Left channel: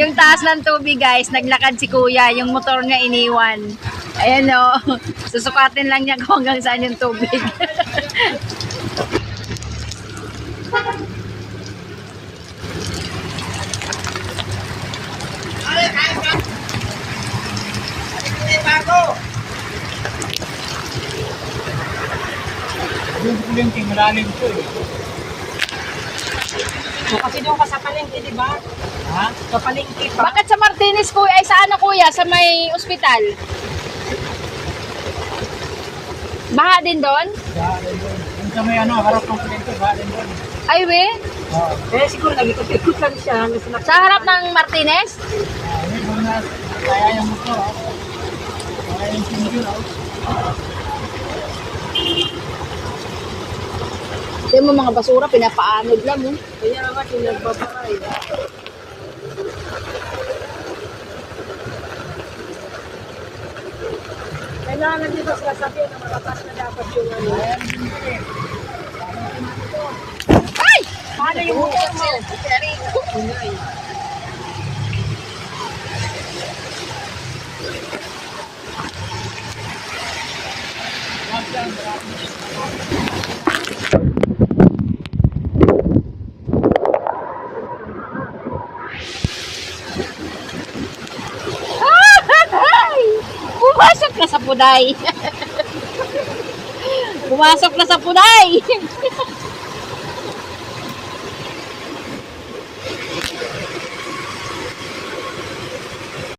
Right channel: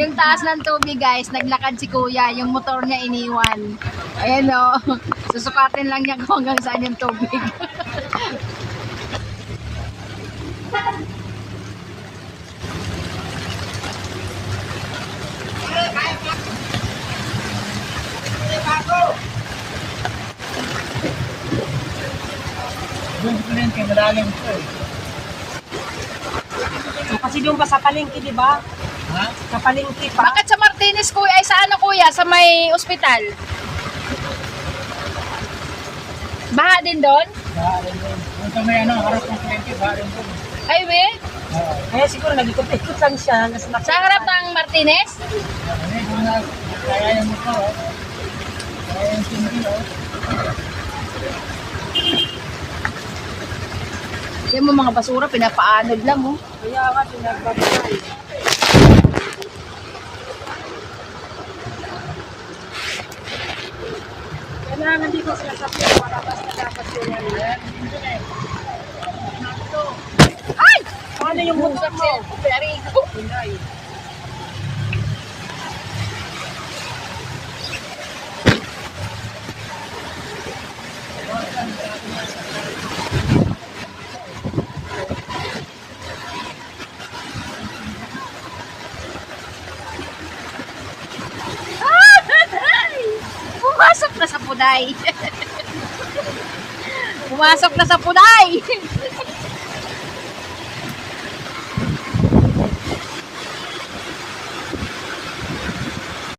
Yung taas ng tubig guys, naglakad si kuya, yung motor niya iniwan. Ayan o, susukatin lang niya kung hanggang saan yung tubig. Doon sa palengke, malalim po eh. Kasi doon pa sa palengke, di ba? Ha? Sa palengke pa. Bakit sa Martinez kuya, ay sa ano kuya, sa may ospital? Baha din doon? Baha rin doon. Doon sa may ano, harap ng palengke, baha rin doon. Ay we, Oo. Eh, siguro nag-ikot-ikot lang siya. sa harap ng Martinez? Ayun, doon na, kaya yung motor, oh. Kaya yung sinigil, oh. Yung mga basura, pinapaanod lang mo. Kaya nga, sinagbabay. Kailangan dito sa sabi, malakas na dapat yung ano. Ay! Paano yung motor mo? Very good. Kunyay. Ay! Pumasok na sa puday. Pumasok na sa puday.